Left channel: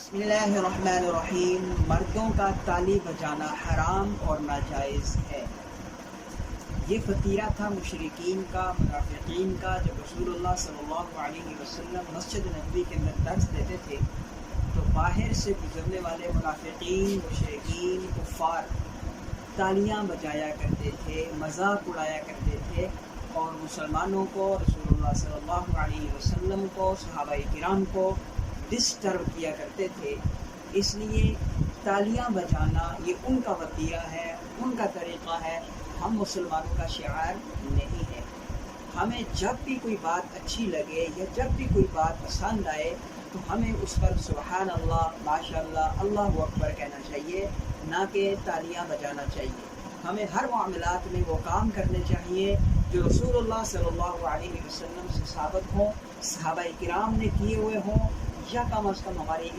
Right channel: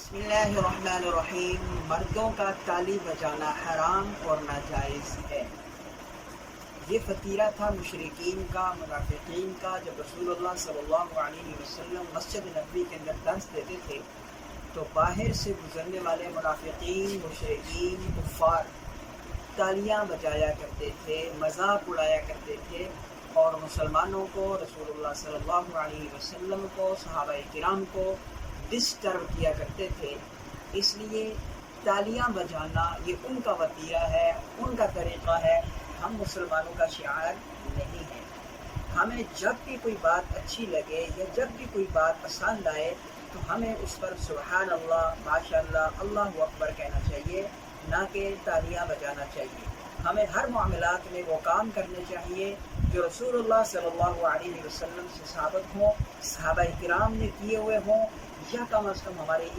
بسم اللہ الرحمن الرحیم۔ مردوں کا تالی بجانا حرام اور ناجائز ہے۔ یہ فطیرہ تھا مشرکین کا، منافقین کا۔ جب رسول اللہ صلی اللہ علیہ وسلم مسجد نبوی کے اندر درس دیتے تھے تو باہر سے گزرنے والے منافقین، مشرکین، کفار تالیاں بجایا کرتے تھے، مذاق اڑایا کرتے تھے اور مسلمانوں کو، رسول اللہ صلی اللہ علیہ وسلم کو، صحابہ کرام کو ڈسٹرب کیا کرتے تھے۔ اس لیے تالیاں بجانا یہ ان کا وطیرہ ہے، ان کا طریقہ ہے، ہم مسلمانوں کا شعار نہیں ہے۔ ہمیں جب بھی کوئی بات اچھی لگے یا جب بھی کوئی بات پسند آئے تو ہمیں اس پر سبحان اللہ، ماشاء اللہ، اللہ اکبر کہنا چاہیے، نہ کہ تالیاں بجانا چاہیے۔ ہمیں ہر معاملات میں وہ کام کرنے چاہیے جو رسول اللہ صلی اللہ علیہ وسلم سے ثابت ہوں، صحابہ کرام نے کیے ہوئے ہوں، یا کم از کم ہمارے